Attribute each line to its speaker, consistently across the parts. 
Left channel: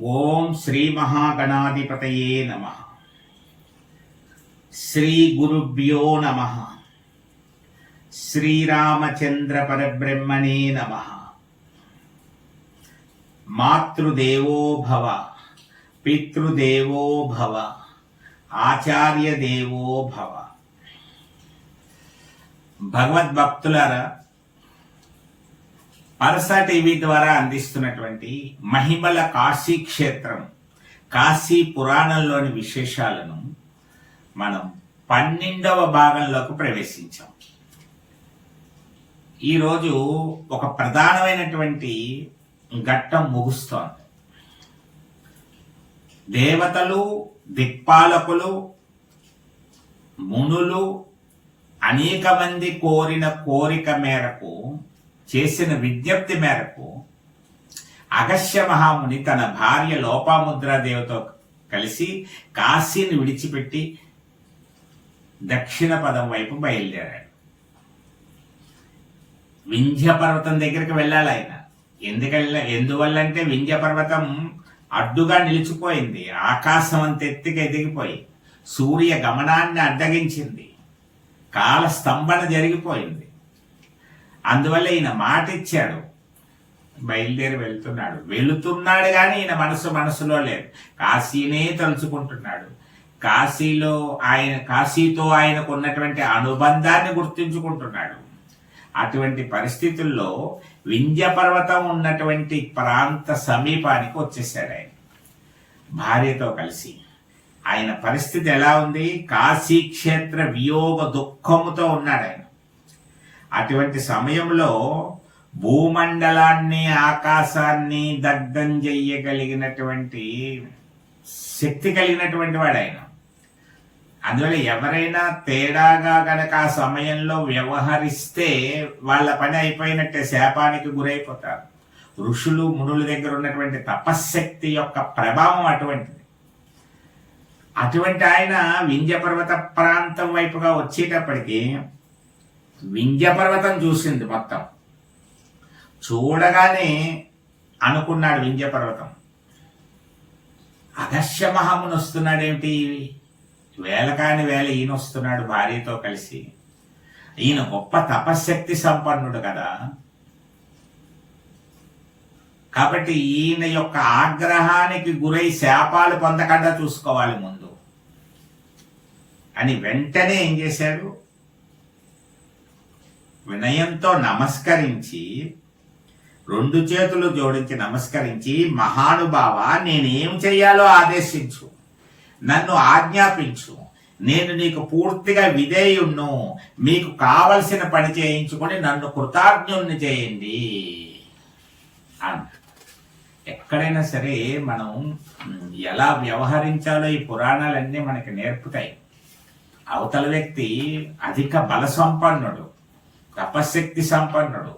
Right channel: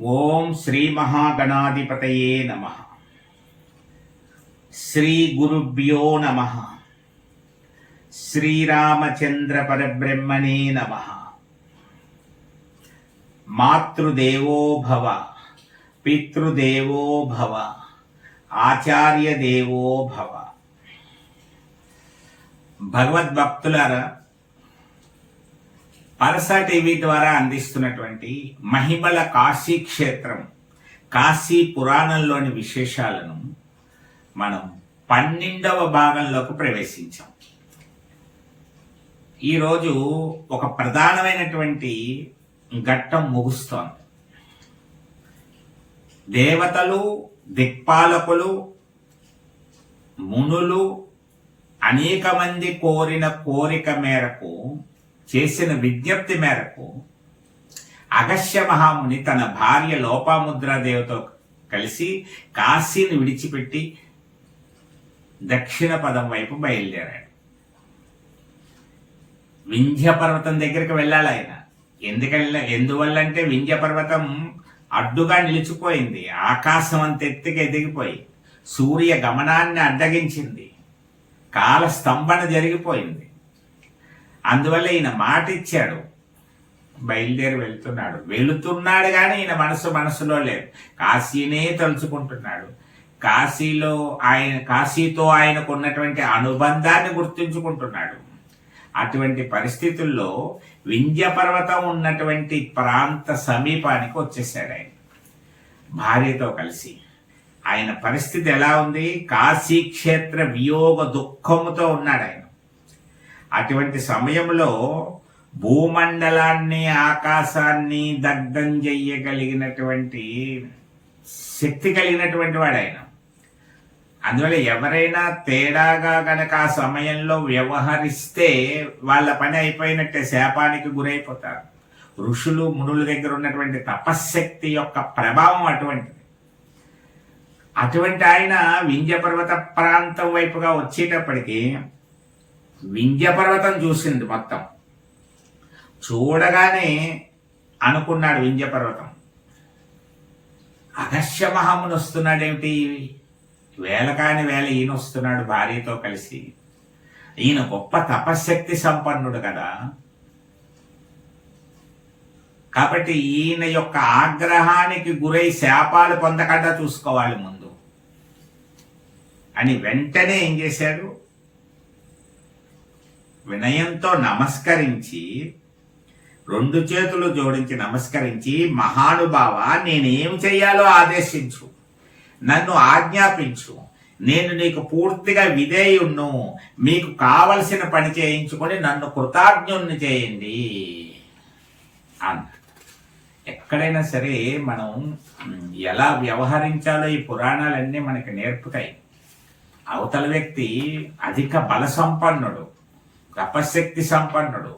Speaker 1: ఓం శ్రీ మహాగణాధిపతయే నమ. శ్రీ గురుభ్యో నమ. శ్రీరామచంద్ర పరబ్రహ్మణే నమ. మాతృదేవో భవ పితృదేవో భవ ఆచార్య దేవో భవ. భగవద్భక్తులారా పరస టీవీ ద్వారా అందిస్తున్నటువంటి మహిమల కాశీ క్షేత్రం కాశీ పురాణంలోని విశేషాలను మనం పన్నెండవ భాగంలోకి ప్రవేశించాం. ఈరోజు ఒక ప్రధానమైనటువంటి ఘట్టం ముగుస్తోంది. దేవతలు దిక్పాలకులు మునులు అనేక మంది కోరిన కోరిక మేరకు చేసిన విజ్ఞప్తి మేరకు అగస్య మహాముని తన భార్య లోపాముద్రాదేవితో కలిసి కాశీని విడిచిపెట్టి దక్షిణ పదం వైపు బయలుదేరాడు. వింధ్య పర్వతం దగ్గరికి వెళ్ళాలి ఆయన. ఎందుకెళ్ళ ఎందువల్ల అంటే వింధ్య పర్వతం అడ్డుగా నిలిచిపోయింది. ఆకాశం అంత ఎత్తుకి ఎదిగిపోయి సూర్య గమనాన్ని అడ్డగించింది. కాల స్తంభన జరిగిపోయింది. అందువల్ల ఈయన మాట ఇచ్చాడు. బయలుదేరి వెళ్తున్నాడు. వెళుతున్నాడు కానీ ఈయన మనసు మనసులో లేదు. కాశీనే తలుచుకుంటున్నాడు. కాశీలో ఆయన కాశీతో ఆయనకు ఉన్నటువంటి అనుబంధాన్ని గుర్తుంచుకుంటున్నాడు. అటువంటి పరిస్థితుల్లో వింధ్య పర్వతం ఉన్నటువంటి ప్రాంత సమీపానికి వచ్చేసాడు ఆయన. భార్యతో కలిసి. ఆయన పరిస్థితి ఎలా ఉంది? కాశీ క్షేత్ర వియోగ దుఃఖముతో ఉన్నాడు ఆయన. అటువంటి సమయంలో భూమండలాన్ని ఆకాశాన్ని దగ్ధం చెయ్యగలిగినటువంటి శక్తి కలిగినటువంటి వాడు ఆయన అందువల్ల ఎవరైనా తేడాగా గనక ఆ సమయంలో వ్యవహరిస్తే వాళ్ళ పని అయిపోయినట్టే శాపానికి గురైపోతారు. ఋషులు మునుల దగ్గర ఉన్నటువంటి తపశ్శక్తి యొక్క ప్రభావం అటువంటిది. అటువంటి ఆయన వింధ్య పర్వత ప్రాంతం వైపుగా వచ్చేటప్పటికీ వింధ్యపర్వతం చూసింది మొత్తం. చూడగానే అనుకున్నాడు వింధ్యపర్వతం. అగస్య మహాముని వస్తున్నాడేమిటి వేల కాని వేల ఈయన వస్తున్నాడు భార్యతో కలిసి. ఈయన గొప్ప తపశ్శక్తి సంపన్నుడు కదా. కాబట్టి ఈయన యొక్క ఆగ్రహానికి గురై శాపాలు పొందకుండా చూసుకోవాలి ముందు. అని వెంటనే ఏం చేశాడు? వినయంతో నమస్కరించి రెండు చేతులు జోడించి నమస్కరించి మహానుభావ నేనేం చెయ్యాలో ఆదేశించు. నన్ను ఆజ్ఞాపించు. నేను నీకు పూర్తిగా విధేయుణ్ణు. మీకు కావలసిన పని చేయించుకొని నన్ను కృతజ్ఞుణ్ణి చేయండి. అన్నాడు ఎక్కడైనా సరే మనం ఎలా వ్యవహరించాలో ఈ పురాణాలన్నీ మనకి నేర్పుతాయి. అవతల వ్యక్తి అధిక బల సంపన్నుడు తపశక్తి సంపన్నుడు.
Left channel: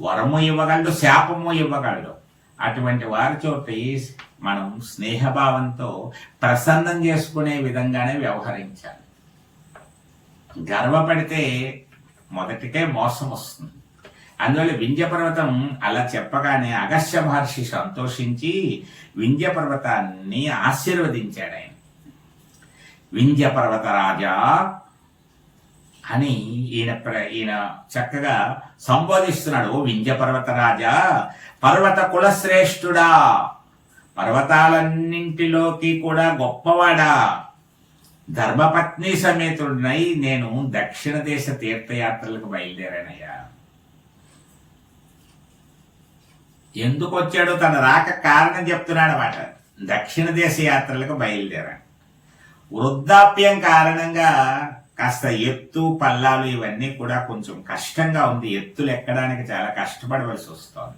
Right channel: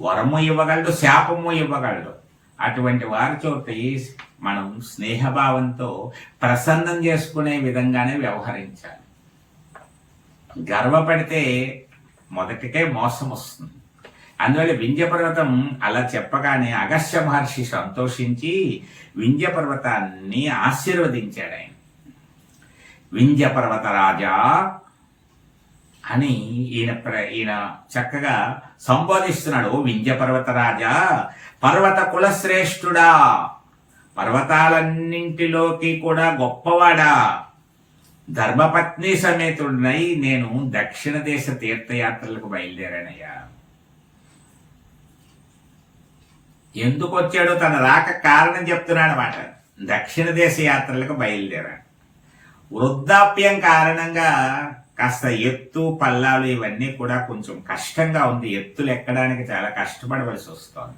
Speaker 1: వరము ఇవ్వగలడు శాపము ఇవ్వగలడు. అటువంటి వారి చోటి మనం స్నేహభావంతో ప్రసన్నం చేసుకునే విధంగానే వ్యవహరించాలి. గర్వపడితే మొదటికే మోసం వస్తుంది. అందువల్ల వింధ్యపర్వతం అలా చెప్పగానే అగస్య మహర్షి సంతోషించి వింధ్యపర్వతాన్ని ఆశీర్వదించాడు ఆయన. వింధ్యపర్వత రాజా అని ఈయన ప్ర- ఈయన చక్కగా సంబోధిస్తున్నాడు. ఓ వింధ్య పర్వత రాజా పర్వత కులశ్రేష్ఠుడా పర్వతాలన్నింటిలోకి కూడా గొప్పవాడా. ధర్మపత్ని సమేతుడినై నేను దక్షిణ దేశ తీర్థయాత్రలకు బయలుదేరానయ్యా. ఎందుకు వచ్చాడో తన రాక కారణం చెప్తున్నాడు అన్నమాట. దక్షిణ దేశ యాత్రలకు బయలుదేరాడు. వృద్ధాప్యం కారణంగా కాస్త ఎత్తు పల్లాలు ఇవన్నీ కూడా కొంచెం కష్టంగా ఉంది. ఎత్తులు ఎక్కడానికి చాలా కష్టపడవలసి వస్తోంది.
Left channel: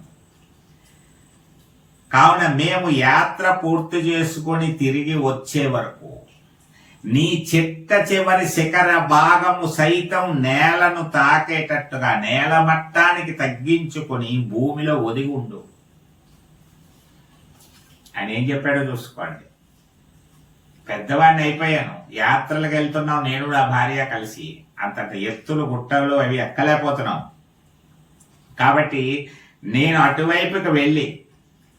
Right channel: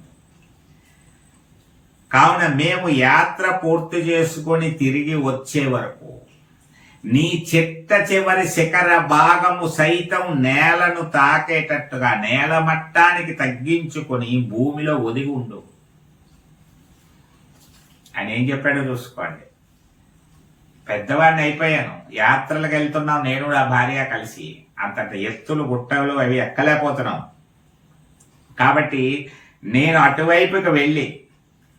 Speaker 1: కావున మేము యాత్ర పూర్తి చేసుకొని తిరిగి వచ్చే వరకు నీ చిట్ట చివరి శిఖర భాగము సైతం నేలను తాకేటట్టుగా నేల మట్టానికి తగ్గించుకొని భూమిలో ఒదిగి ఉండు. అని ఏం చెప్పాడో చూసుకోండి. పెద్దవాడిని అయిపోయాను. యాత్రలకు వెళ్తున్నాం. నేను నా భార్య కలిసి అంతంత ఎత్తులు గుట్టలు అవి ఎక్కలేకపోతున్నాం. కాబట్టి నేను అటువైపుకి వెళ్ళి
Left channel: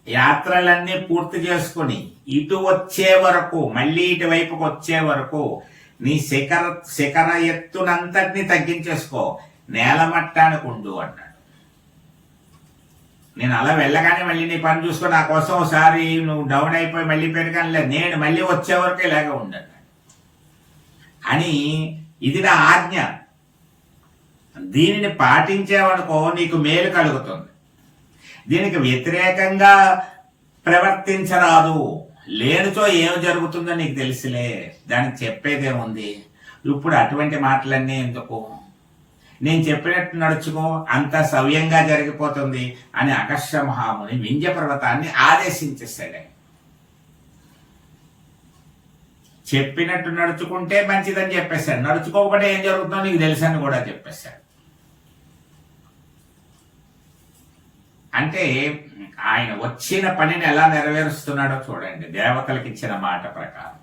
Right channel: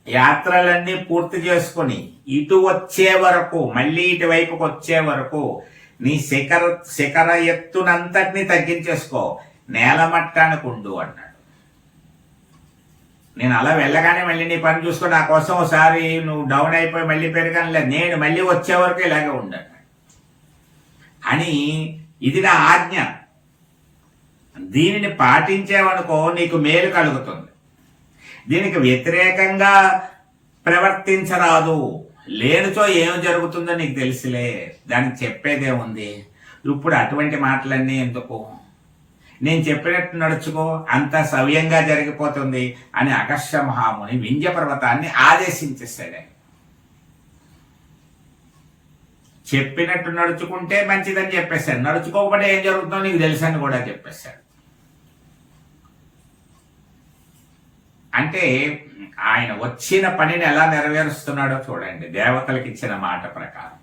Speaker 1: యాత్రలన్నీ పూర్తి చేసుకుని ఇటు వచ్చే వరకు మళ్ళీ ఇటువైపుకి వచ్చే వరకు నీ శిఖర శిఖర ఎత్తునంతటిని తగ్గించేసుకో. నేలమట్టానికి ఉండు అన్నాడు. నేను అలా వెళ్ళగానే మళ్ళీ నీ పని చూసుకో నా కోసం ఒకసారి నువ్వు డౌన్ అయిపోయి మళ్ళీ పెరగాను లేదు నేను మళ్ళీ వచ్చే వరకు ఇలాగే ఉండను అని ఇది నా ఆజ్ఞ. దీనిని పాటించేవనుకో నీకు మేలు కలుగుతుంది. దీనికి వ్యతిరేకంగా ప్రవర్తించరాదు. లేనితో ఏం జరుగుతుందో నీకు తెలిసిలే. దానికి చెప్పేదేముంది? ఇప్పుడు అటువంటి మాటలన్నీ ఎందుకు? నేను చెప్పినట్టు నడుచుకో అంత సవ్యంగా జరిగిపోతుంది అని అగస్య మహాముని వింధ్య పర్వతాన్ని ఆదేశించేస్తాడు ఆయన. చెప్పినట్టు నడుచుకుంటే మంచిదని చెప్పేశాడు. నడుచుకోకపోతే ఏం జరుగుతుందో నీకు తెలుసని కూడా చెప్పేశాడు. అంటే ఆయన వచ్చిన పనిని ఎలా నెరవేరుస్తున్నాడో చూడండి. దేవతలకు ఇచ్చిన మాట ప్రకారం.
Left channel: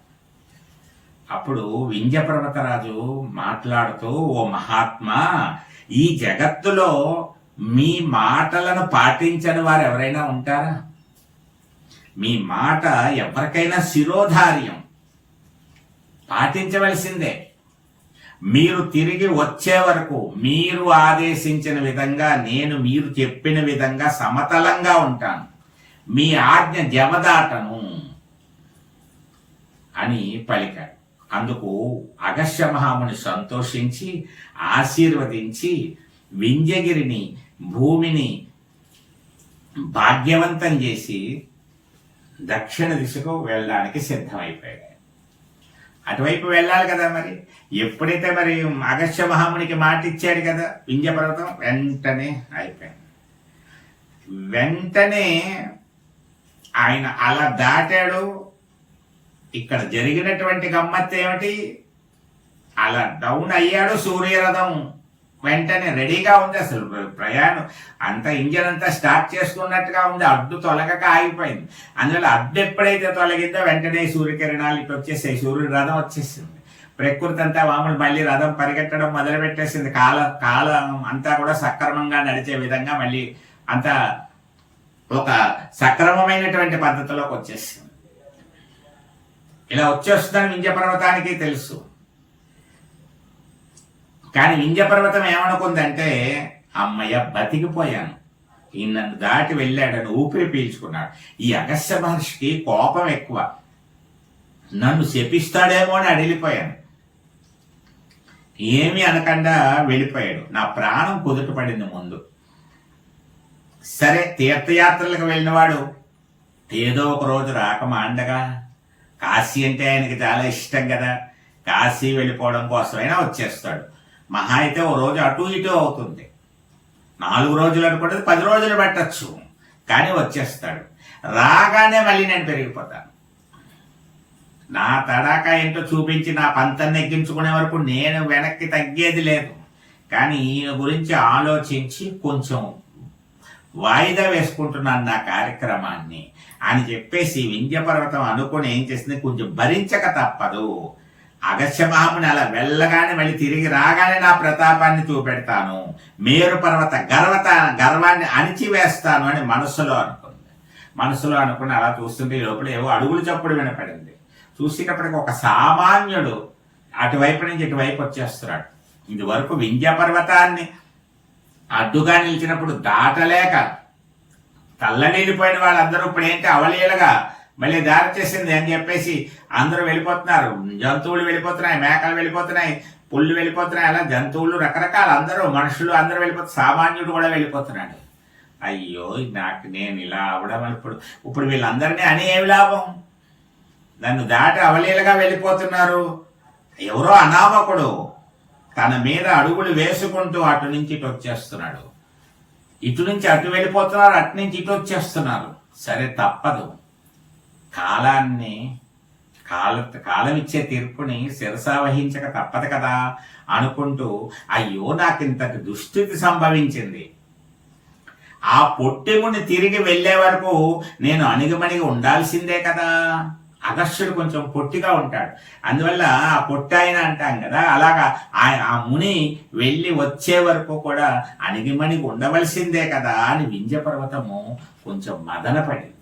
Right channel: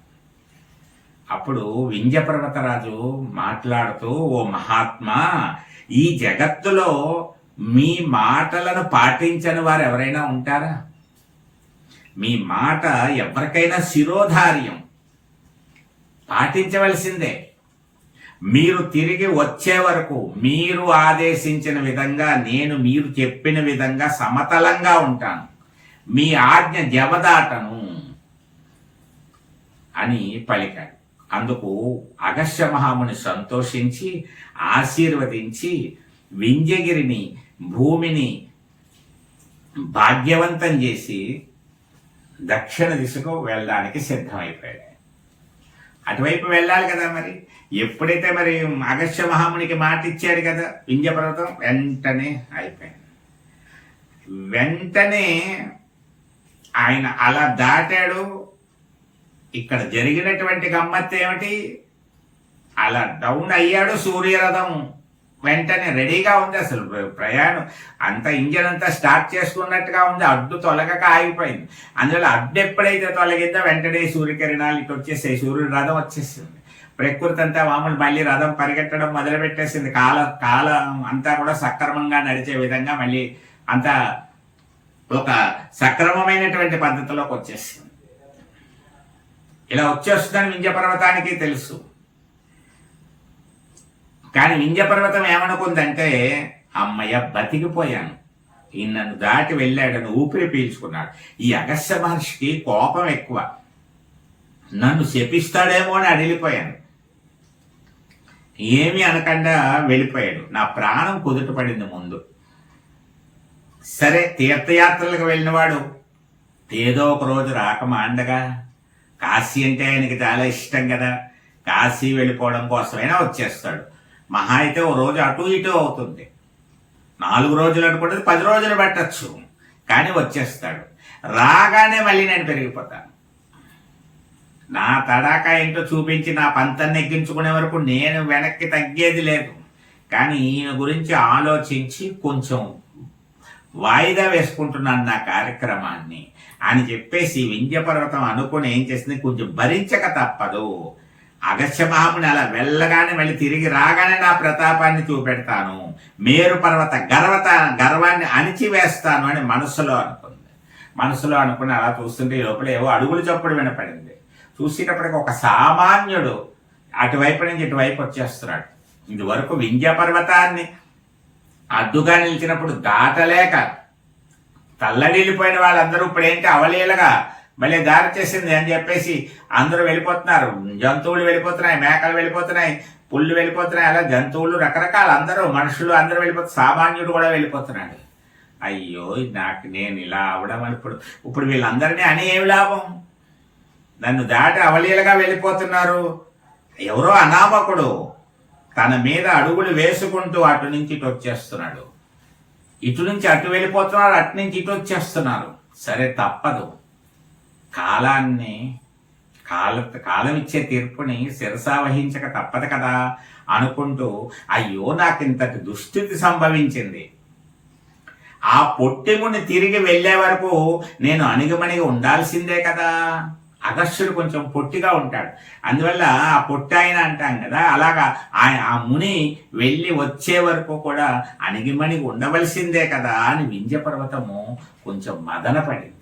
Speaker 1: అప్పుడు వింధ్యపర్వతరాజు మాట్లాడుతూ ఓ మహాత్మా ఈ జగత్తులో మీ మాటలను పాటించని వారు ఎవరైనా ఉంటారా? మీ మాట ఎవరికైనా శిరోధార్యం. పాటించవలసిందే. మీరు తిరిగి వచ్చే వరకు మీరు ఆదేశించిన విధంగా నేను మీరు చెప్పిన విధంగా సమతలంగా ఉంటాను. మీ ఆజ్ఞ జవదాటను అని పలికాడు. అందుకు అగస్య మహాముని సంతోషించి ఆశీర్వదించి వింజగిరిని భూమిని భాగ్యవంతం చేసి దక్షిణ దిశకు వెళ్ళడానికి సిద్ధమైపోయాడు. అటువైపు వెళ్ళాలి కదా మరి? ఎప్పుడైతే మరి అగస్య మహామునికి మాట ఇచ్చాడు కదా వింజపర్వతం వెంటనే అయిపోయింది. వెంటనే ఆయన అలా దాటాడు ఇక్కడ జరిగినటువంటి గమ్మత్తు ఏమిటి? అలా డౌన్ అయ్యాడు సూర్యరథం. వెంటనే రెడీగా ఉంది అసలు ప్రయాణం. అంత ఇంజన్ అంతా స్టార్ట్ చేసుకున్నట్టుగా ఉంది. అడ్డు తొలగక ఆగిపోయింది. అందువల్ల అడ్డు ఎప్పుడైతే తొలగిందో వెంటనే సూర్యకిరణాలు ఇటు వచ్చేసాయి. సూర్యుడు రథం వచ్చేసింది. ప్రకృతి అంతా మామూలు మళ్ళీ రథం పరిగెట్టడం మొదలుపెట్టేసింది కాల కాలం అంతా కూడా సక్రమంగా నడిచే విధంగా మళ్ళీ అంతా ఒక సక్రమమైనటువంటి పద్ధతిలోకి వచ్చేసింది. ఇలా వచ్చేస్తుందని వింధ్య పర్వతానికి తెలుసు. కానీ వింధ్య పర్వతం ఏమనుకుందంటే అమ్మయ్య బతికిపోయాను. ఈ నన్ను దాటి వెళ్ళాడని ఊపిరి పీల్చుకున్నాడు. ఈ అగస్య మహర్షికి కోపం ఎక్కువ. నన్ను శపిస్తాడేమో అని అడిగిపోయాను ఏమీ అనకుండా వెళ్ళిపోయాడు. నా ప్రాణం కుదుట పడింది ముందు. సరే తీర్థయాత్రలకు వెళ్ళినవాడు ఏదో ఒక రోజు రాక మాండగా కాశీ అంటే ఆయనకి చాలా ఇష్టం కదా. కాశీ వెళ్ళిపోవడం కోసమైనా వచ్చేస్తాడు. మహా అయితే ఓ రోజు అటు ఇటు అవుతుంది. నాలుగు రోజులు అనుకుంటే పది రోజులు పెట్టచ్చు. కానీ వచ్చేస్తాడు. రాగానే మళ్ళీ నేను పెరిగిపోతాను. నా తడాకా ఏంటో చూపించి నా పంతాన్ని ఎక్కించుకునే వరకు నేను వెనక్కి తగ్గేది లేదు. కానీ ఈయన గురించి ఆలోచించి కొంచెం వాయిదా వేసుకుంటున్నాను నా కార్యక్రమాన్ని. అని చెప్పేసి వింధ్యపర్వతం అనుకుని ఏం చేసింది? కొంచెం భరించక తప్పదు. అగస్యమహముని అలా వెళ్ళగానే మళ్ళీ తిరిగి రాగానే నా ప్రతాపాన్ని చూపెడతాను. మేరు పర్వత గర్వత గర్వాన్ని అణిచివేస్తాను అని మనసులో అనుకుంది. మనసులో అనుకుని అలా చూస్తుంటే ఈ లోపల ఏవో అడుగులు చప్పుడు వినపడింది. చూసేటప్పటికి ఒక సామాన్యుడు అటువైపు నుంచి ఇటువైపు వచ్చేస్తున్నాడు. ఇది వరకు వింధ్య పర్వతాన్ని అడ్డుగా నిలిచినప్పుడు దాటలేక తల్లడిల్లిపోయిన వాళ్ళందరూ ఇప్పుడు ఏంటి అవలీలగా మళ్ళీ దారి చేసింది అని చెప్పేసి అందరూ వెళ్ళిపోతున్నారు. జంతువులు వెళ్ళిపోతున్నాయి మేకలు వెళ్ళిపోతున్నాయి పుళ్ళు వెళ్ళిపోతున్నాయి అలా జంతువులు రకరకాల అందరూ మనుషులు అందరూ వెళ్ళిపోతున్నారు సామాన్యుడు కూడా వెళ్ళిపోతున్నాడు. అయ్యో నాకు నేను ఇలా అవడం ఇప్పుడు ఇప్పుడు వీళ్ళందరినీ అని ఏమి లాభం? నన్ను దాటి అవలీలగా వెళ్ళిపోతున్నారు. ఎవరో అనామకుడు తన మీద అడుగులు వేసుకుంటూ అటు నుంచి ఇటు వచ్చేస్తున్నాడు. ఇటు నుంచి అటు వెళ్ళిపోతున్నారు అటు నుంచి ఇటు వచ్చేస్తున్నారు. సరే తప్పదు. కాలాన్ని కాల కాలం ఇచ్చే తీర్పుని శిరసా వహించక తప్పదు కదా అనుకుంటూ అయ్యో నాకు ఇంతటి దుస్థితి సంభవించింది. ఆ పొట్టెముని తిరిగి వెళ్ళే వరకు నేను అణిగిమణిగి ఉండాల్సిందే కదా. అగస్త్యుడు కొంచెం పొట్టిగా ఉంటాడు. అందువల్ల ఆ పొట్టాయన అంటాం కదా అలాగా ఆయన ఆ ముని వెళ్ళి వచ్చే వరకు కూడా అణిగిమణిగి ఉండవలసిందే కదా అని వింధ్య పర్వతము కొంచెం మదనపడింది.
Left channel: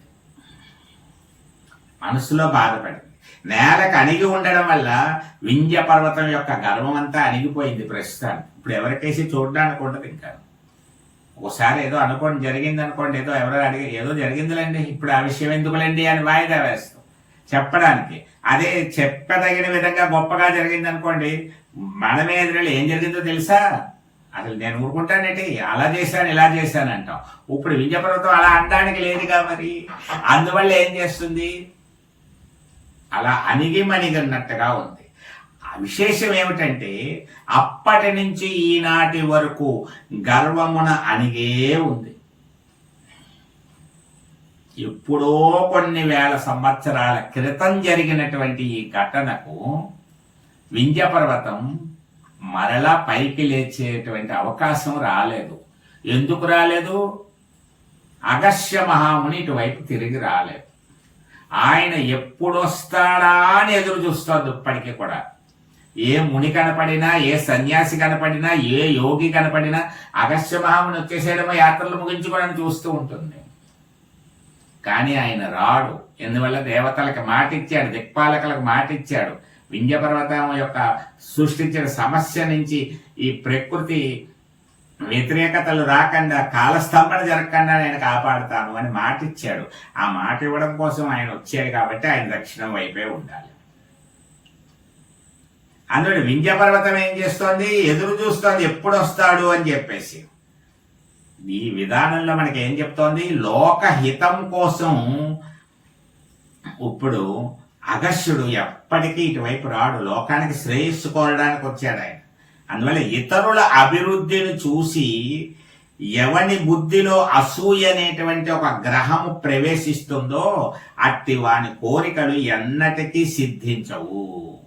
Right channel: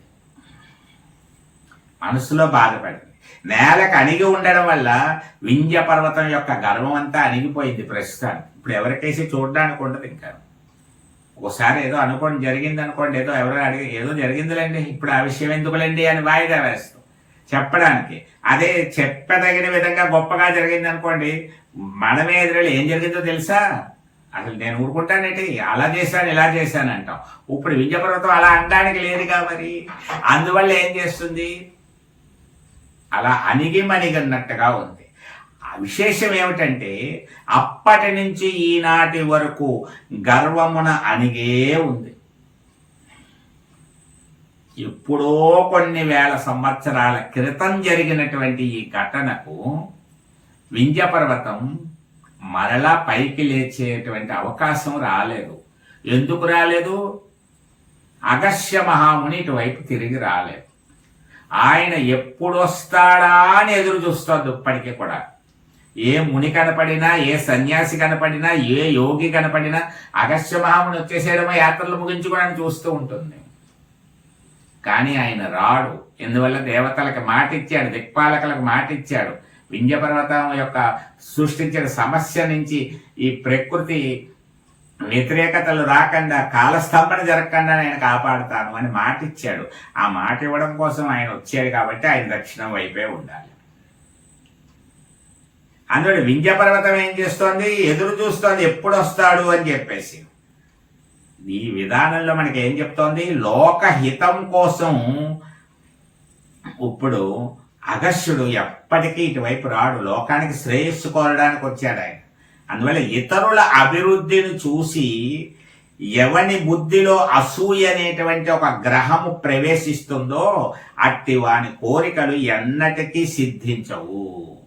Speaker 1: మనసులో బాధపడింది. నేలకు అణిగి ఉండడం వల్ల వింధ్య పర్వతం యొక్క గర్వం అంతా అణిగిపోయింది ప్రస్తుతానికి. ఇప్పుడు ఎవరికైతే చూడడానికి ఉండదు ఇంకా. ఒకసారి ఏదో అనుకోండి జరిగింది అనుకోండి ఏదో ఎవరో అడిగి ఏదో జరిగిందిలేండి ఇప్పుడు ఆ విషయం ఎందుకులేండి అని వాయిదా వేస్తాం. చెప్పడానికి. అదే చెప్పదగిన విధంగా గొప్పగా జరిగింది అనుకోండి మనమే ఎదురు ఏం జరిగిందో తెలుసా? అసలు నేను ఊరుకుంటానేటి అలా చేశాను ఇలా చేశాను అంటాం. ఇప్పుడు వింజపర్వతం అలా అనడానికి లేదుగా మరి? అందువల్ల ఏం చేస్తుంది? అలా అణిగి మణిగన్నట్టుగా ఉంది విశేషం ఏమిటంటే అప్పటి నుంచి ఈనాటి వరకు గర్వమున అణిగే ఉంది. ఎప్పుడో కొన్ని వేల సంవత్సరాల క్రితం జరిగినటువంటి ఈ ఘటనకు వింధ్యపర్వతం మరలా పైకి లేచేటువంటి అవకాశం రాలేదు. ఎందుకు రాలేదు? అగస్య మహాముని ఇటువైపు తిరిగి రాలేదు. ఆయన ఎప్పుడు వస్తాడా అని ఎదురు చూస్తోంది ఇప్పటికీ కూడా. ఏ ముని కనపడినా ఏ సన్యాసి కనపడినా ఏ యోగి కనపడినా అగస్య మహాముని వచ్చేసేయడమో యాత్రలు ముగించుకోవడానికి చూస్తూ ఉంటుంది. కానీ ఆయన రాడు. ఎందువల్ల? దేవతలకు మాట ఇచ్చాడు దిక్పాలకులకు మాట ఇచ్చాడు వింధ్యపర్వతం యొక్క సృష్టించిన సమస్య నుంచి ఈ ప్రకృతి వ్యతిరేకతలు రాకుండా కాలస్తంభన జరగకుండా నేను కాపాడుతాను అని మాట ఇచ్చాడు ఆ మాట ఇవ్వడం కోసం ఆయన వచ్చాడు కాబట్టి ఆయన దక్షిణం వైపే ఉండాలి. అందులో వింధ్య పర్వతం ఏం చేస్తోంది? ఎదురు చూస్తోంది ఎప్పుడు వస్తాడు అని చెప్పేసి. ఈ విధానంలో మనకి ఏం చెప్తోంది? లోకహితం కోసం ఇప్పుడు అగస్యుడు ఎప్పటికీ ఇటువైపు రాడు. లోకానికి శ్రేయస్సు కోరడానికి వచ్చాడు ఆయన. అందువల్ల ఇతరుల అభివృద్ధిని చూసి ఎవని బుద్ధిలో అసూయ అనేటువంటి ఒక గ్రహము ప్రవేశిస్తుందో అట్టి వాని కోరికలు ఎన్నటికీ సిద్ధించవు.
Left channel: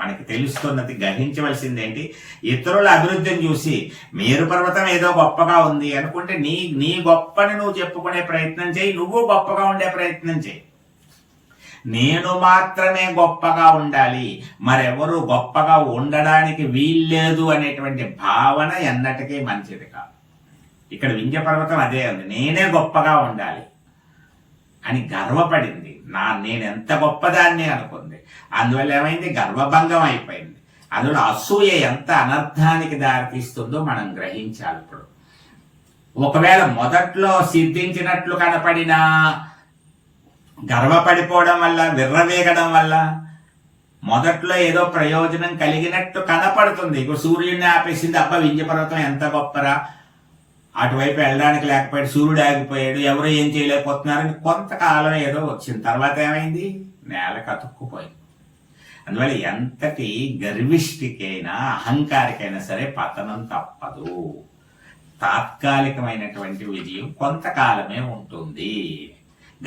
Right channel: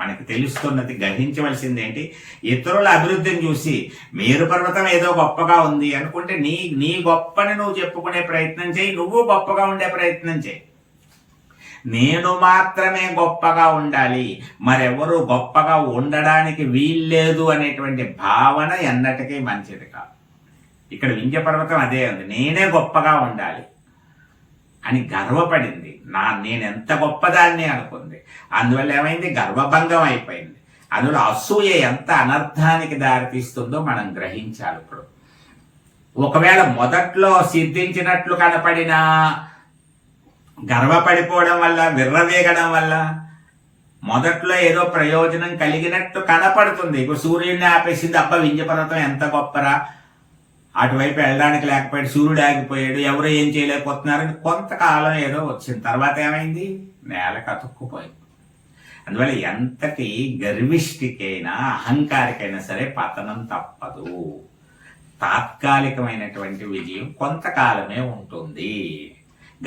Speaker 1: మనకి తెలుస్తున్నది గ్రహించవలసింది ఏంటి ఇతరుల అభివృద్ధిని చూసి మీరు పర్వతం ఏదో గొప్పగా ఉంది అనుకుంటే నీ నీ గొప్పని నువ్వు చెప్పుకునే ప్రయత్నం చేయి నువ్వు గొప్పగా ఉండే ప్రయత్నం చేయి. నేను మాత్రమే గొప్పగా ఉండాలి. మరెవరు గొప్పగా ఉండడానికి వీల్లేదు అనేటువంటి భావన ఎన్నటికీ మంచిది కాదు. ఇక్కడ వింధ్య పర్వతం అదే ఉంది. నేనే గొప్పగా ఉండాలి అని గర్వపడింది. నా నేను ఎంత గొప్పదాన్ని అనుకుంది అందువల్ల ఏమైంది? గర్వభంగం అయిపోయింది. అందులో అసూయ ఎంత అనర్థానికి దారితీస్తుందో మనం గ్రహించాలి ఇప్పుడు. ఒకవేళ మొదట్లో సిద్ధించినట్లు కనపడిన గర్వపడిపోవడం వల్ల విర్రవేగడం వల్ల మొదట్లో ఏదో ప్రయోజనం కలిగినట్టు కనపడుతుంది. ఇప్పుడు సూర్యుడిని ఆపేసింది అబ్బా వింజపర్వతం ఎంత గొప్పరా? అటువైపు వెళ్ళడానికి లేకపోయాడు సూర్యుడు ఆగిపోయాడు ఎవరు ఏం చేయలేకపోతున్నారని కొంతకాలం ఏదో వచ్చింది. తర్వాత ఏమైంది? నేల కతుక్కుపోయింది. అందువల్ల ఎంతటి గర్విష్ఠికైనా అహంకారికైనా సరే పతనం తప్పదు. తాత్కాలికమైనటువంటి విజయం కొంతకాలమే ఉంటుంది.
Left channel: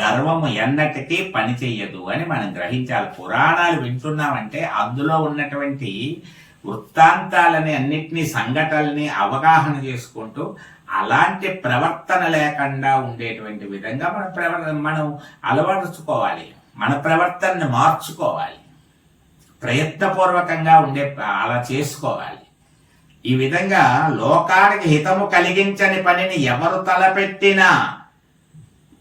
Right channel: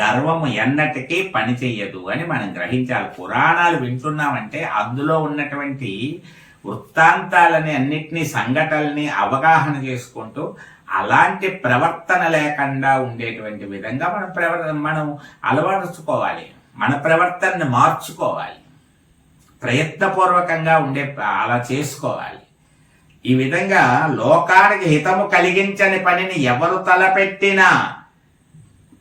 Speaker 1: గర్వము ఎన్నటికీ పని చెయ్యదు అని మనం గ్రహించాలి. పురాణాలు వింటున్నామంటే అందులో ఉన్నటువంటి వృత్తాంతాలని అన్నిటినీ సంఘటనల్ని అవగాహన చేసుకుంటూ అలాంటి ప్రవర్తన లేకుండా ఉండేటువంటి విధంగా మనం ప్రవర్తన మనం అలవరుచుకోవాలి. మన ప్రవర్తనని మార్చుకోవాలి. ప్రయత్నపూర్వకంగా ఉండే అలా చేసుకోవాలి. ఈ విధంగా లోకానికి హితము కలిగించని పనిని ఎవరు తలపెట్టినా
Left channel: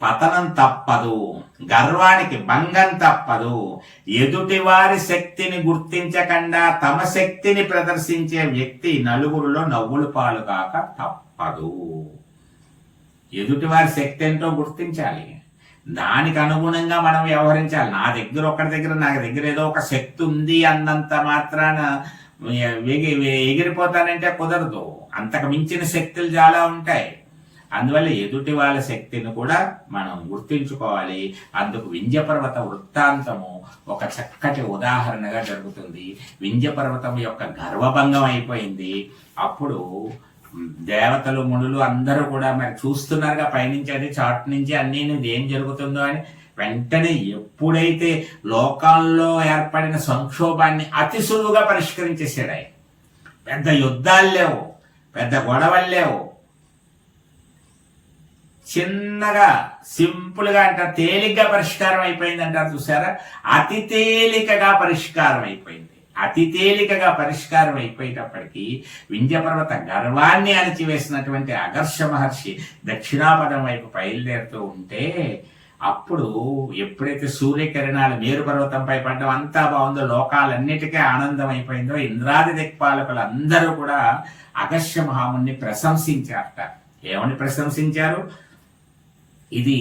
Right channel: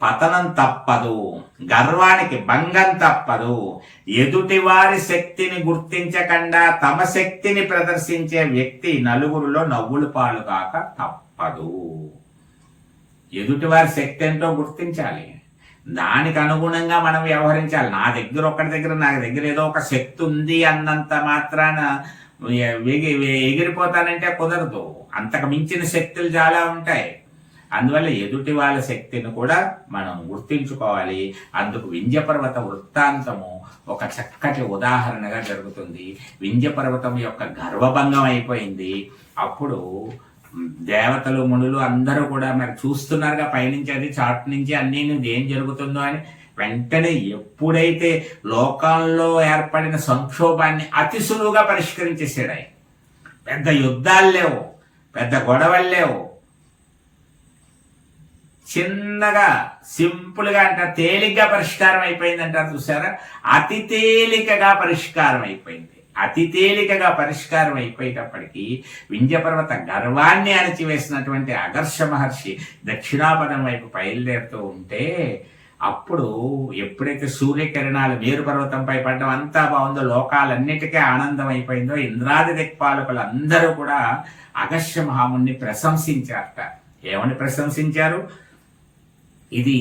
Speaker 1: పతనం తప్పదు గర్వానికి భంగం తప్పదు. ఎదుటివారి శక్తిని గుర్తించకుండా తమ శక్తిని ప్రదర్శించే వ్యక్తి నలుగురిలో నవ్వులు పాలు కాక తప్పదు. ఎదుటివారి శక్తి ఏంటో గుర్తించాలి. దానికి అనుగుణంగా మనం వ్యవహరించాలి. నా దగ్గర ఒక్కడి దగ్గర నా దగ్గర ఏదో ఒక శక్తి ఉంది అన్నంత మాత్రాన ఎగి ఎగిరిపోతానంటే కుదరదు. అంతకు మించిన శక్తులు చాలా ఉంటాయి. అందువల్ల ఎదుటి వాళ్ళ శక్తిని కూడా మనం గుర్తించుకోవాలి. అందుకు వింధ్యపర్వత వృత్తాంతము ఒక చక్కటి ఉదాహరణగా జరుగుతుంది. వింధ్యపర్వతం యొక్క గర్వభంగం అయిపోయింది. అప్పుడు దేవతలు మునులు అందరూ కూడా మరి చూస్తున్నారుగా పయనించి అది చాట్ నుంచి అన్ని ఏం జరుగుతుందో అని వెంటనే ఎప్పుడైతే లోకాల్లో ఏర్పడిన సంక్షోభాన్ని అతి సులువుగా పరిష్కరించేసాడు ఆయన. పెద్ద యుద్ధాలు లేవు పెద్ద గొడవలు లేవు. చిన్నగా సింపుల్గా తేలిగ్గా పరిష్కారం అయిపోయింది అంటారు చూసారా? అతి తేలికగా పరిష్కారం అయిపోయింది. అతి తేలికగా పరిష్కారం అయిపోయేటప్పటికీ వింధ్యపర్వత గర్వాన్ని అణిచివేసినటువంటి అగర్ష మహర్షి దక్షిణాపదం వైపు బయలుదేరుతూ ఉంటే అప్పుడు ఎప్పుడైతే సూర్యకిరణాలు మేరు పర్వతంపై పడ్డం అంతా బాగుందో లోకాలన్నిటికీ ఆనందం అయిపోయిందో ఇంద్రాది దిక్పాలకులు అందరూ కూడా అగస్య మహాముని ప్రశంసించారట. ఏమని ప్రశంసించారు? ఇది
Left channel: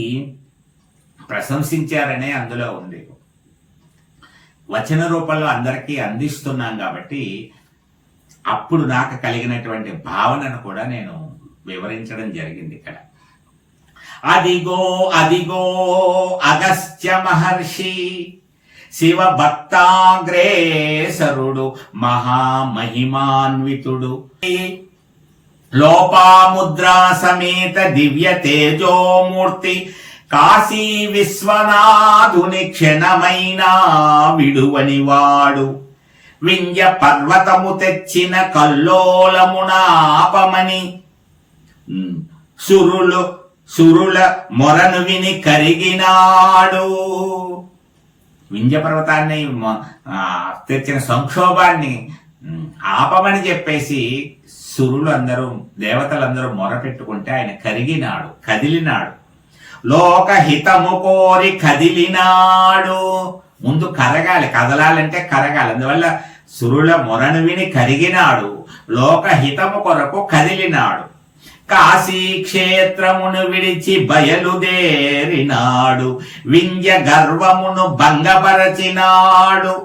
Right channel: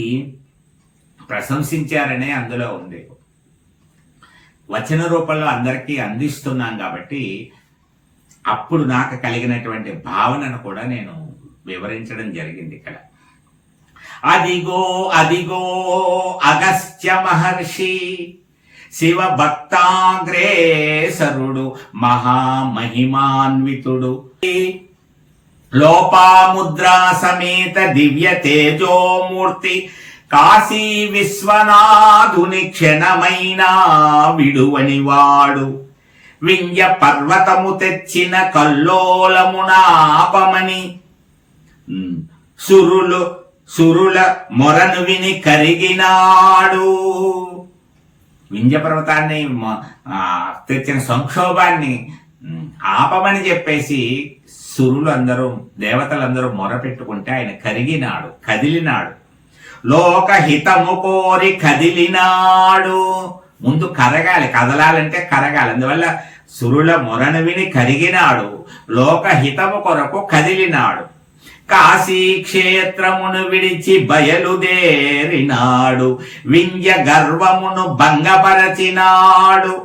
Speaker 1: ప్రశంసించారనే అందులో ఉంది. వచన రూపంలో అందరికీ అందిస్తున్నాం కాబట్టి అప్పుడు నాకు కలిగినటువంటి భావనను కూడా నేను వివరించడం జరిగింది ఇక్కడ. అదిగో అదిగో అగస్త్య మహర్షి శివ భక్తాగ్రేసరుడు మహామహిమాన్వితుడు. లోపాముద్రా సమేత దివ్య తేజోమూర్తి కాశీ విశ్వనాథుని క్షణమైనా విడువని వాడు వింజ పర్వతము తెచ్చిన కల్లోలమునాపమని. ఆపమని సురులు సురుల మొరను విని కరిగినాడు. వింజ పర్వతాన్ని తెచ్చిన సంక్షోభాన్ని ఆపమని చెప్పేసి సురులు అందరూ దేవతలందరూ మొరపెట్టుకుంటే ఆయన కరిగినాడు కదిలినాడు. లోకహితము కోరి కదిలినాడు. ముందు కరగాలి కదలాలంటే కరగాలి. అందువల్ల సురుల మొరను విని కరిగినాడు. లోకహితము కొరకు కదిలినాడు. కాశీ క్షేత్రమును విడిచి బయలుదేరినాడు. వింజ గర్వమును భంగపరచినాడు.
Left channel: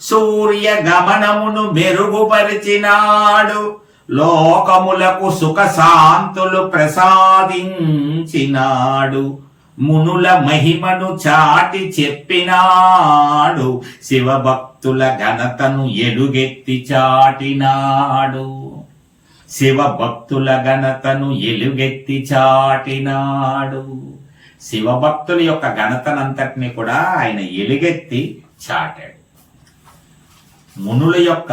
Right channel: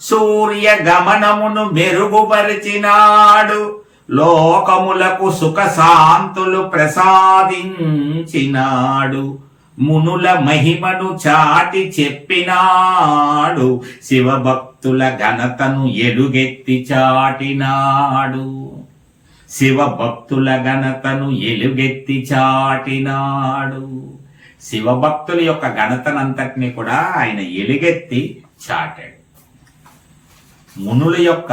Speaker 1: సూర్య గమనమును మెరుగుపరిచినాడు. లోకములకు సుఖ శాంతులు ప్రసాదించినాడు. మునుల మహిమను చాటి చెప్పినాడు. శివభక్తుల ఘనతను ఎలుగెత్తి చాటినాడు. శివభక్తుల ఘనతను ఎలుగెత్తి చాటినాడు. శివభక్తుల యొక్క ఘనతనంతటిని కూడా ఆయన ఎలుగెత్తి చాటాడు. మునుల యొక్క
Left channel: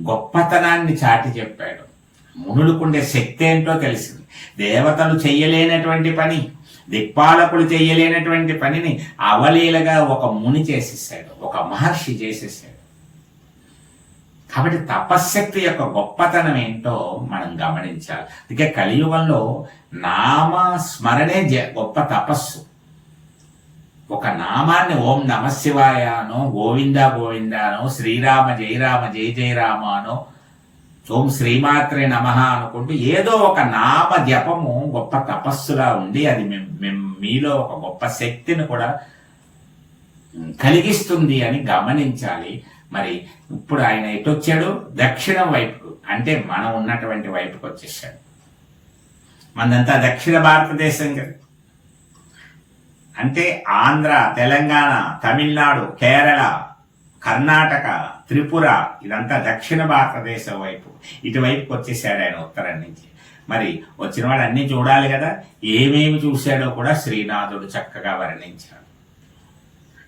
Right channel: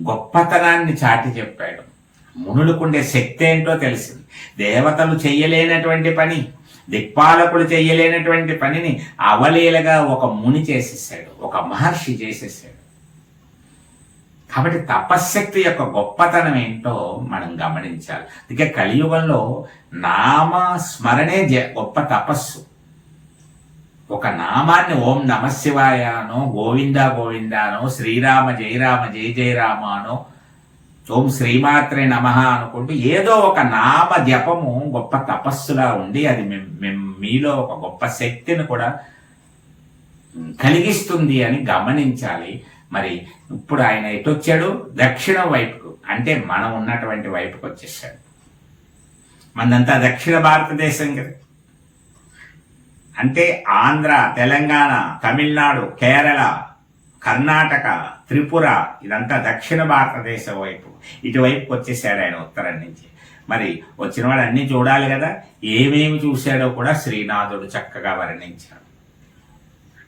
Speaker 1: గొప్పతనాన్ని చాటి చెప్పాడు. మునులకుండే శక్తి ఏంటో తెలిసింది. దేవతలు చెయ్యలేనటువంటి పని దిక్పాలకులు చెయ్యలేనటువంటి పనిని అవలీలగా ఒక ముని చేసేసాడు ఒక మహర్షి చేసేసాడు. కాబట్టి తపశ్శక్తి యొక్క గొప్పతనం ఏంటో మనం గమనించాలి. ఇక కలియుగంలో నామస్మరణే జ- గొప్ప తపస్సు. ఒక నామాన్ని ఓం నమ శివాయనో గోవింద గోవిందానో శ్రీరామ జయరామ జయ జయరామ అనో ఓం శ్రీమాత్రే నమ అనుకుంటూ ఏదో ఒక నామ జపము గొప్ప తపస్సులా ఉండి అది మీలో ఒక గొప్ప శక్తిని కూడా కలిగిస్తుంది అని గమనించాలి. మరి ఇప్పుడు ఆయన ఎటొచ్చాడు? దక్షిణం వైపుకు అంటే మనం ఉన్నటువంటి వైపుకు వచ్చేసాడు. మనంతా దక్షిణ భారతదేశం కదా. అంటే ఆంధ్ర తెలంగాణ తమిళనాడు కేరళ కర్ణాటక త్రిపుర ఇదంతా దక్షిణ భారతదేశం వైపు. ఇటువైపుకి వచ్చేసాడు ఆయన ఉత్తరం నుంచి. మరి వచ్చినవాడు అన్ని చూడాలి కదా. ఏమేమి చూశాడో కూడా శ్రీనాథుడు చక్కగా వర్ణించాడు.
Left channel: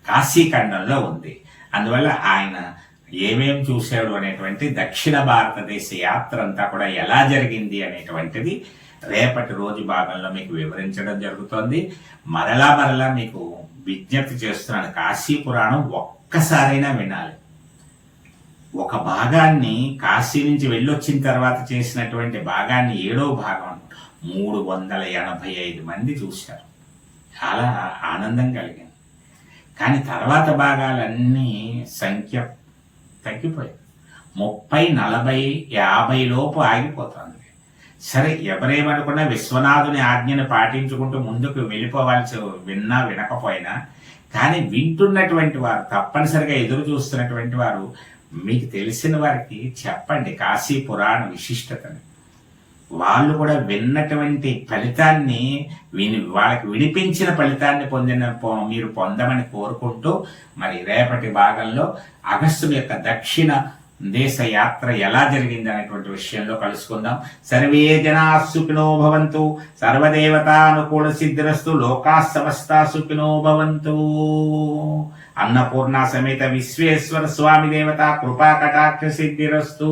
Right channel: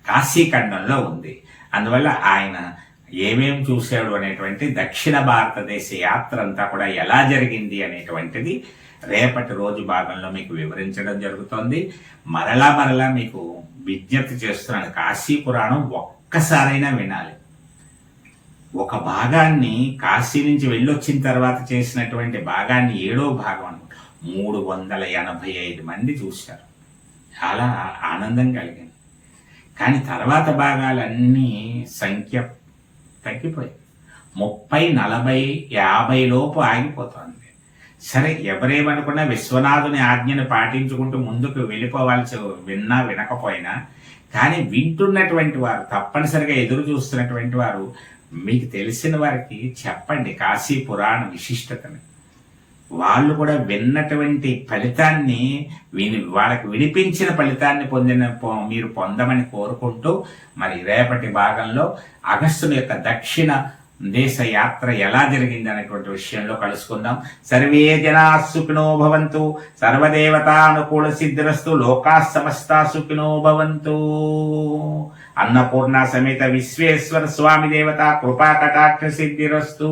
Speaker 1: కాశీఖండంలో ఉంది. అందువల్ల ఆయన ఏమేం చూశాడు అనేటువంటి దక్షిణ భారతదేశ యాత్ర అంతా కూడా ఎలా జరిగింది అనేటువంటిది రేపటి రోజు భాగంలో మీకు వివరించడం జరుగుతోంది. మరలా మరలా మీకు విజ్ఞప్తి చేస్తున్నాను. కాశీ పురాణం ఒక్కసారైనా వినాలి. ఒక భాగాన్ని కాశీ నుంచి వెళ్ళొచ్చిన తర్వాత చేసినటువంటి భాగాన్ని ఏడో భాగం మూడు వందల ఎనభై ఐదు మంది చూశారు. చాలా ఆనందం కలిగింది. కానీ తర్వాత భాగాలన్నీ సంఖ్య తగ్గిపోయాయి. ముప్పై నలభై యాభై లోపు ఆగిపోతుంది. సరే ఎవరేమనుకున్నా విశ్వనాథుని ఆజ్ఞను పాటించుకుంటూ ముందుకు వెళ్ళిపోవాల్సి విన్నా వినకపోయినా కానీ వింటున్నటువంటి వారు తప్పనిసరిగా ఎదురు చూస్తున్నటువంటి వారు మీకు తెలిసిన వారికి చెప్పండి కాశీ పురాణ విశిష్టతని. వాళ్ళు కూడా విన్నటువంటి ఫలితాన్ని విని వాళ్ళకి వినిపించిన ఫలితాన్ని పొందిన పొ- మీరు పొందమని కోరుకుంటూ మరి రేపటి భాగంలో అగస్టుని యొక్క దక్షిణ దేశ యాత్ర ఎలా జరిగింది అనేటువంటి విషయంలో కలుసుకుందాం. సర్వే జనా సుఖినో భవంతు. సర్వదేవతానుకూల సిద్ధిరస్తు. లోకా సమస్త సుఖినో భవంతు. అన్నపూర్ణ సమేత విశ్వేశ్వర స్వామి దేవత కృపా కటాక్ష సిద్ధిరస్తు.